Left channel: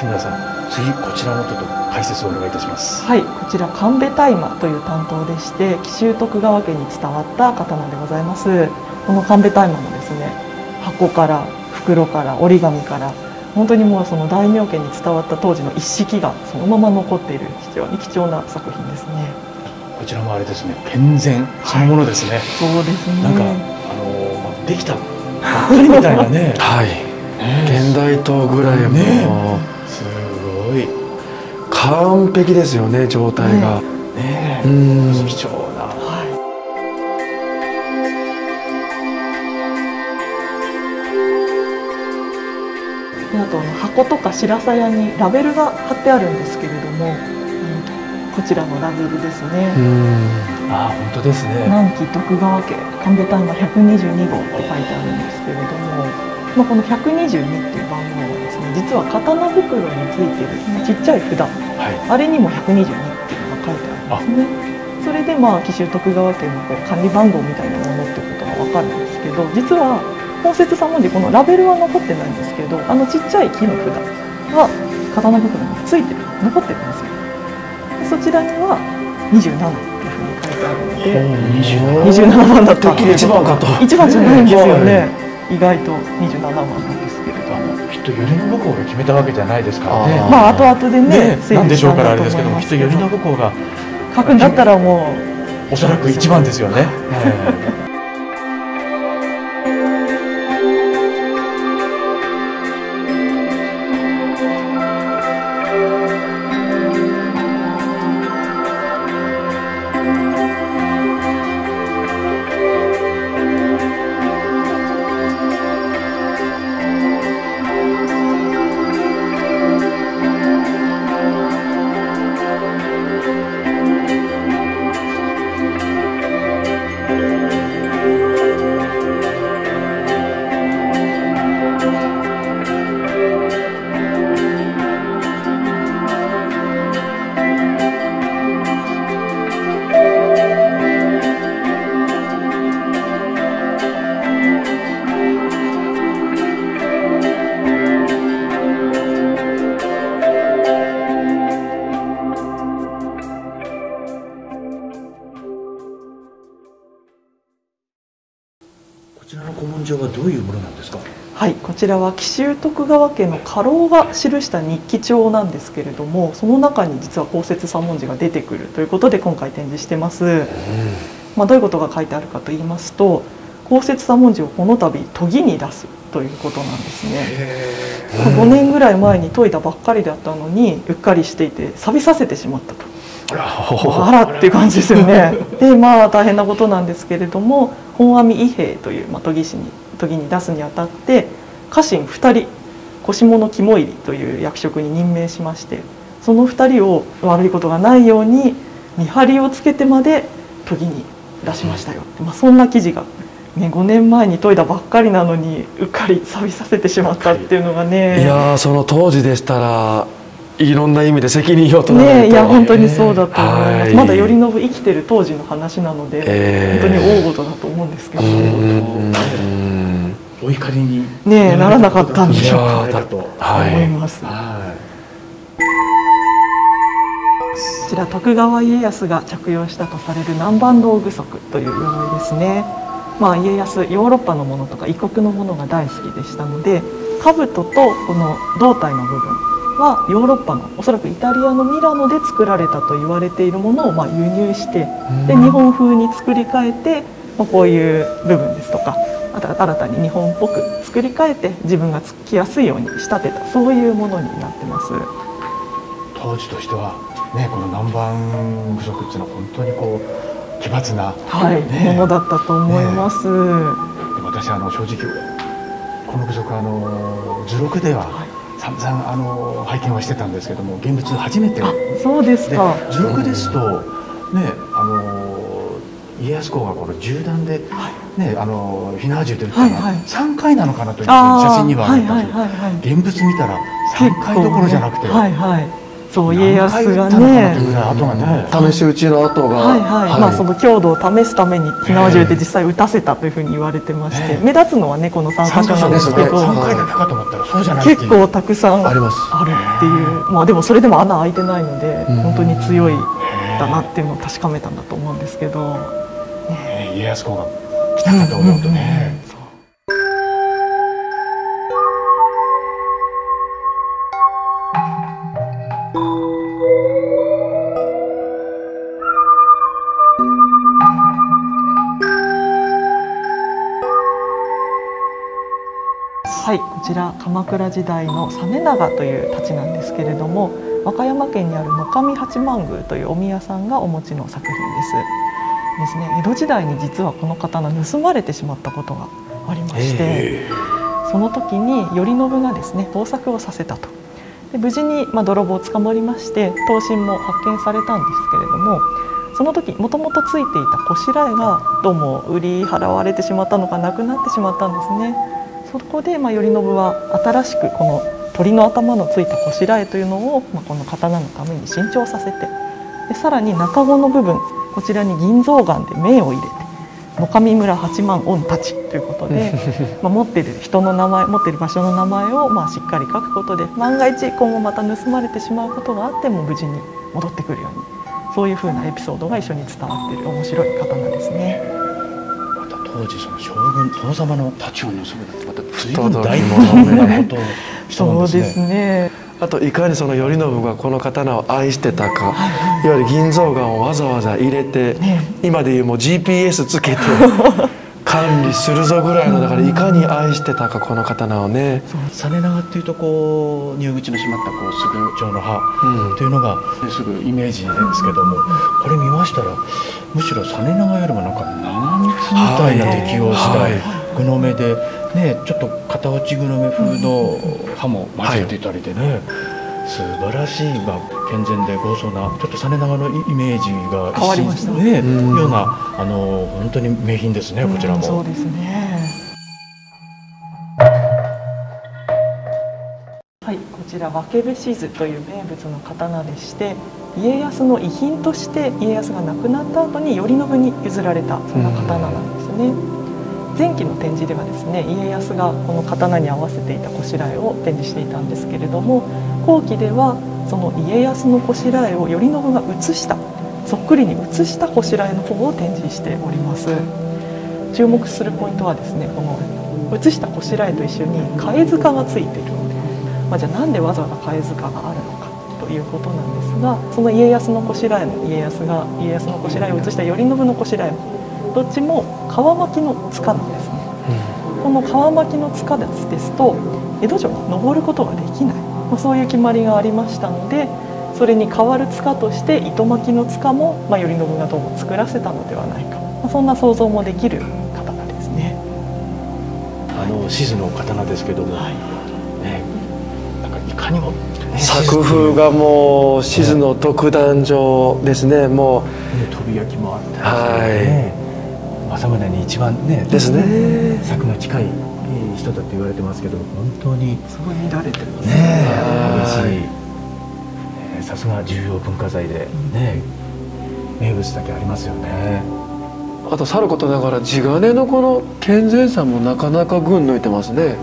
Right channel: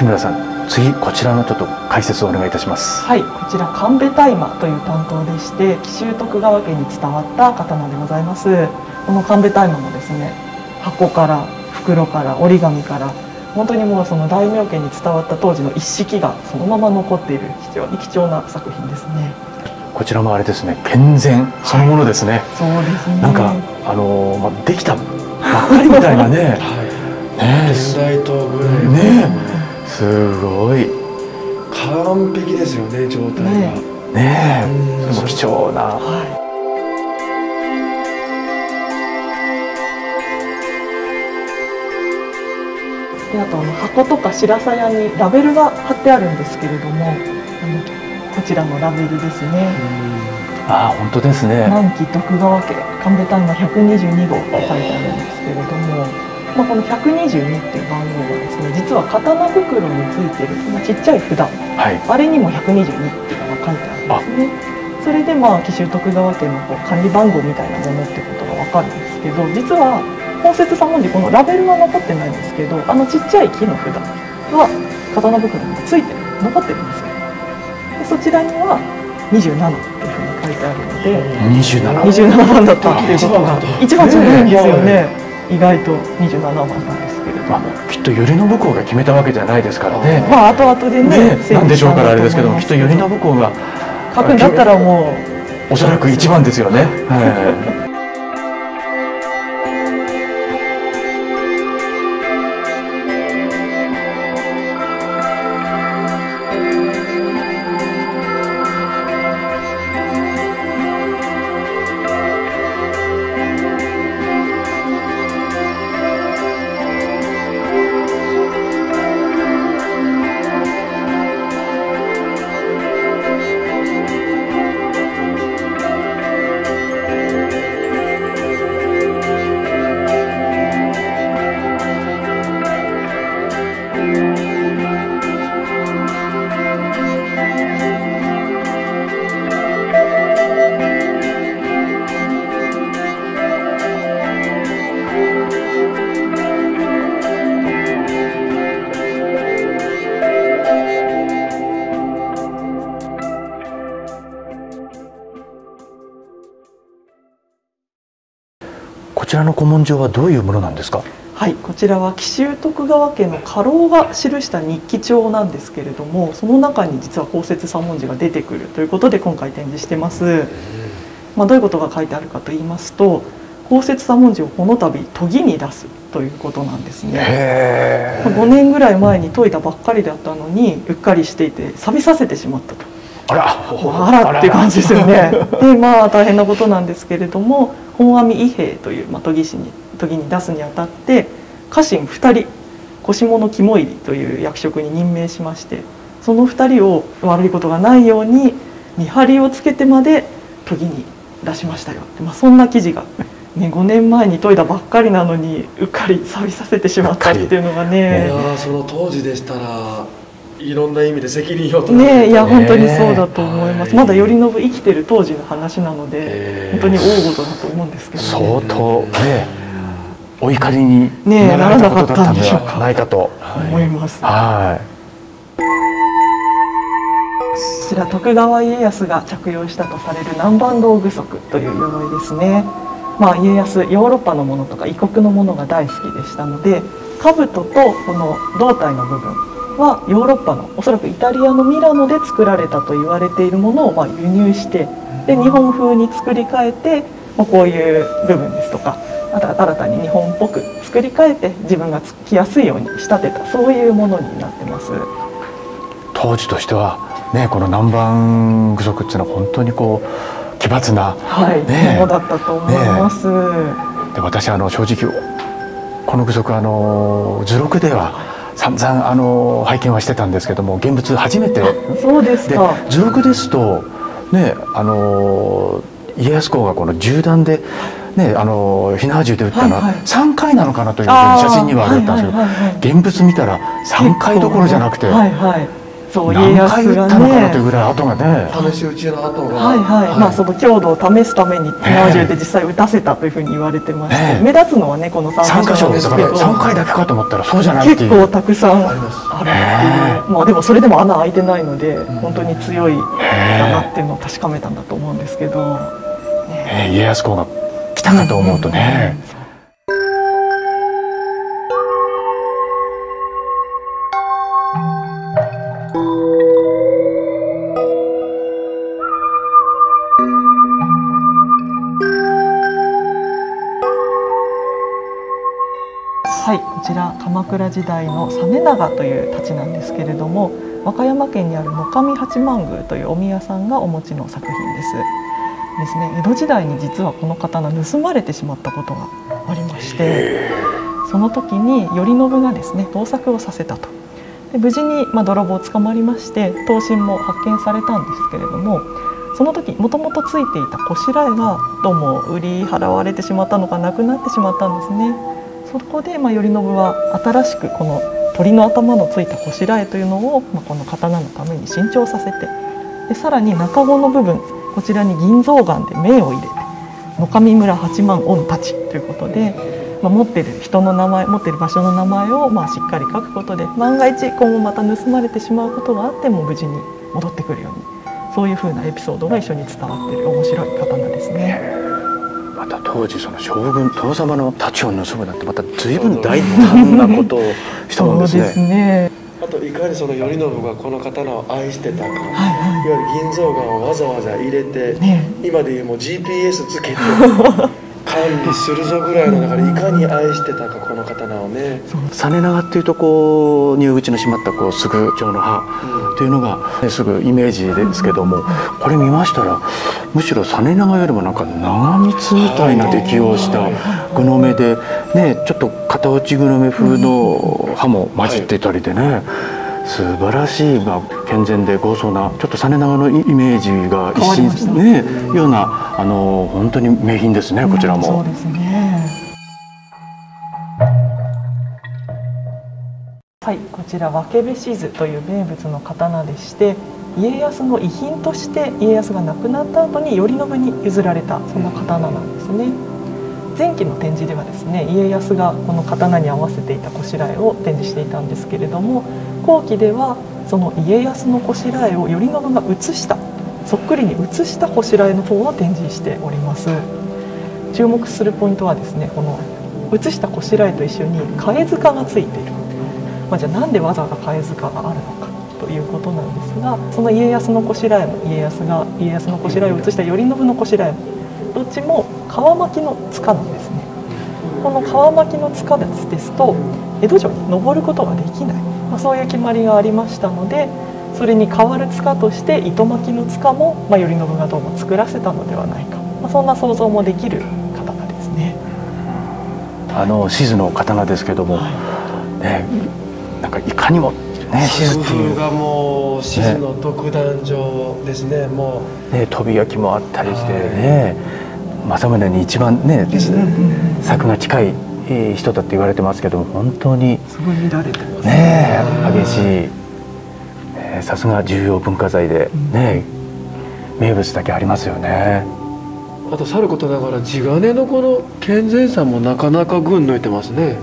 月村さん、次こちらのちょっと解説をお願いいたします。はい、こちら神戸大麻という担当でして、紀州徳川家に伝わった刀でございます。この神戸大麻もですね、箱から袋から折り紙から本当にもうその大名家に伝わった当時の一式がそのまま残っている非常に貴重な作品ですね。こちらもあれですね、健全そのものですね。はい、そうですね。なんかできたばっかりみたいなね。はい。現代刀ぐらいね、すごい完璧ですよね、状態が。ねえ、貴重な。で、あと箱とか白鞘にラベルが貼ってあるんですけれども、こちらのラベルですね。ああ、本当ですね。南紀徳川家神戸大麻122号って書いてあるんですけれども、この122っていう番号はですね、実は刀袋についてるちっちゃい札、あれにも122っていうのが書いてあるんですね。それで紀州徳川家の管理番号みたいなものってことが分かるんですけど、実は本説左文字、このラベルは残ってないんですけど、ちっちゃい木の札は刀袋についてる、残ってるんですよ。でそちらには27っていうふうに書いてあるので、27番だったっていうことが一番じゃないんですよね。意外と27番なんですけれども、きっと頼信公が決めたわけじゃないですからね。後々でね、なんでしょうからあれですけど、きっと頼信公が書くんだったらもうおそらく一番ですよね。こちらの古文書はどういうものなんですか。はい、こちらは紀州徳川家の家老が記した日記帳なんですけれども、その中に実は公設左文字が出てくるということで今回展示してます。どういうことが書いてあるかと言いますと、公設左文字をこの度研ぎに出すということなんですね。5年ぐらい前に研いだばっかりだったのにうっかりしていて錆びさせてしまったと。あらっていう感じですよね。で大変なことなんですけれども、本阿弥伊兵衛という研ぎに出すにあたって家臣2人腰物肝入りという役職に任命しまして、その2人を悪いことがないように見張りをつけてまで研ぎに出しましたよって、そんな記事が、5年前に研いだばっかりなのにうっかり錆びさせてしまったっていうのがね。いやその当時でしたらいろんな意味で責任を取られて、いや本当にそうだと思います。まだ頼信生きてる当時の話なので、本当に大事だと思うんですけどね。相当お怒りにならなかったんでしょうかと思います。こちら徳川家康が着用したとされる南蛮道具足という鎧ですね。家康ヨーロッパのものとか異国のものが大好きでしたので、兜とこの胴体の部分はヨーロッパのおそらくイタリアのミラノで作られたと言われているものを輸入して、で日本風に作り変えて、こういう部分ですとか、あとは新たに日本っぽく作り変えて自分が着やすいように仕立てた、そういうものになってます。当時としてはこの南蛮具足っていうのは本当に奇抜な、ものだったと思います。で私正直この具足図録では散々拝見はしてたんですけども、現物初めて。そうですか。図録ですと家康公がこの銃弾で火縄銃で撃ったのは3回なのかなという写真にはあったんですけど、現物見たら3回どころじゃなくて、そう家康が何回言ったのかなというねぐらい跡がね。試し撃ちの跡が、はいはい、まあその強度を試すために火縄銃で実際撃たせたというふうに言われてまして、目立つのはねこの33箇所箇所ですすなんでけど、から3回だけかと思ったらそうじゃないっていう。結構たくさんあります。あるっていう、まあでもそれでも穴開いてないので本当に強いだなっていうのを確かめたんだと思うんですけど、家康公が来たかと思うとね。はい、こちら鎌倉時代の実長という太刀なんですけれども、和歌山県にある野上八幡宮というお宮さんがお持ちの作品ですね。江戸時代に実はこの刀盗まれてしまったことがありまして、その時に頼信がですね盗作をさせたと。で無事に泥棒捕まりまして刀身も発見されたんですけれども、その時もともとついていたこしらえがどうも売り払われてしまったのかなくなってしまったんですね。そこで頼信は新しくこの鳥の頭のついたこしらえというのを、この刀のために新調させて、でさらに中子の部分こちらに銀象眼で銘を入れて野上村八幡御太刀ということで持っている人の名前持っている場所の名前をしっかり書くことで、万が一今後また盗まれてしまうことがあっても無事に戻ってくるように、そういうふうなエピソードが一緒に伝わっている面白い刀ですね。また当時その将軍殿様の太刀を盗むなんてまた随分大胆なことをしたもんですね。そうですね。あといかにその頼信がこの刀を愛してたか、いわゆる銀象眼をわざわざ入れて、今でいうもう GPS つけて管理するぞぐらいの中でいかに愛してたかこの刀をね。実長っていうとこう入口にしまったこうすぐ蝶の葉というのが、すぐイメージですけども、これ見ましたらむしろ実長よりもなんか長光みたいな出来をした具の目でね、ちょっと片落ち具の目風の葉も混じってたりでね、素晴らしい、健全で豪壮なちょっと実長のイメージが変わりましたね、ような本当に名品ですね、こちらも。そうですね。はい、こちら分部志図という名物の刀でして、家康の遺品として家康が亡くなった後に頼信に譲られたそんな刀なんですね。前期の展示ではですね、家康がこの刀に合わせていたこしらえを展示していたんですけれども、後期ではその家康のこしらえを頼信が写したそっくりに写したこしらえの方を展示しております。注目するポイントはですね、この写したこしらえと一緒に貝塚がついている。じゃあなんでわざわざ貝塚があるのかということなんですが、その家康のこしらえも家康のこしらえを写した頼信のこしらえもどっちも川巻の塚なんですね。この川巻の塚ですと江戸城に登ることができない、そういう決まりがありましたので、それに代わる塚として糸巻の塚も、頼信がどうも作らせたのではないか、そんな想像もできる刀ですね。志図の刀ですけども、なんかいかにも、作風がもう志図の独壇場ですね。もう飛び焼きもあったりしてね、政宗に一番ねですね作が近い人だって言われてますけど、本当にすごい乱れてますね、激しい、さすが重要文化財でね、名物だけありますよね。あとさることながら地金のこの健全さもなかなか群抜いてますね。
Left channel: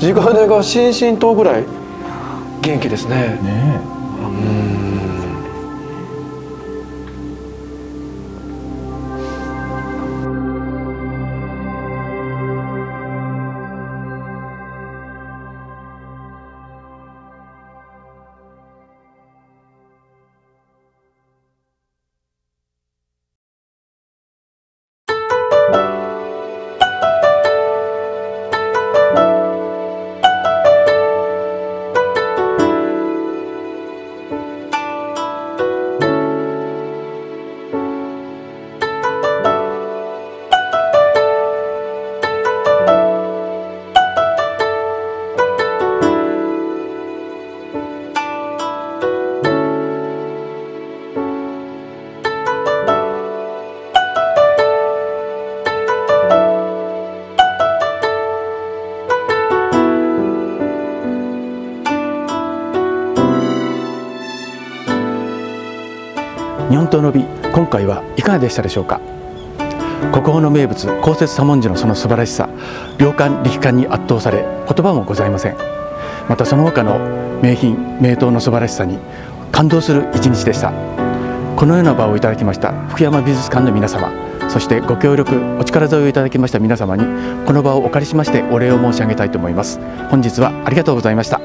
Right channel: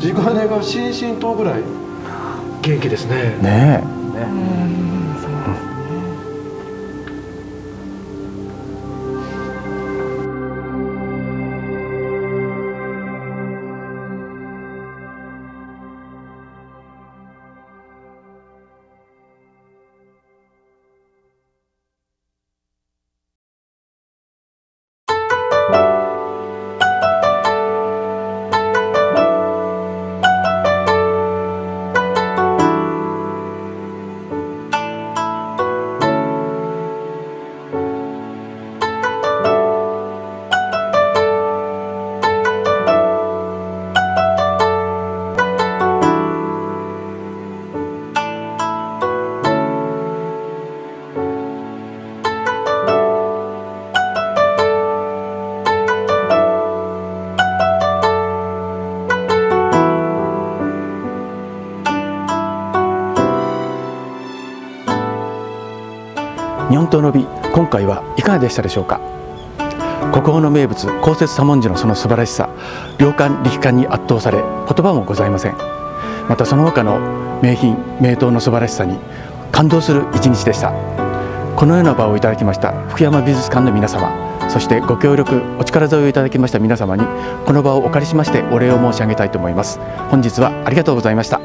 地金が心身とぐらい元気ですね。日本刀の美、今回はいかがでしたでしょうか。国宝の名物公設左文字のその素晴らしさ、良感力感に圧倒され言葉もございません。またその他の名品名刀の素晴らしさに感動する一日でした。このような場をいただきました福山美術館の皆様、そしてご協力お力添えをいただきました皆様にこの場をお借りしましてお礼を申し上げたいと思います。本日はありがとうございました。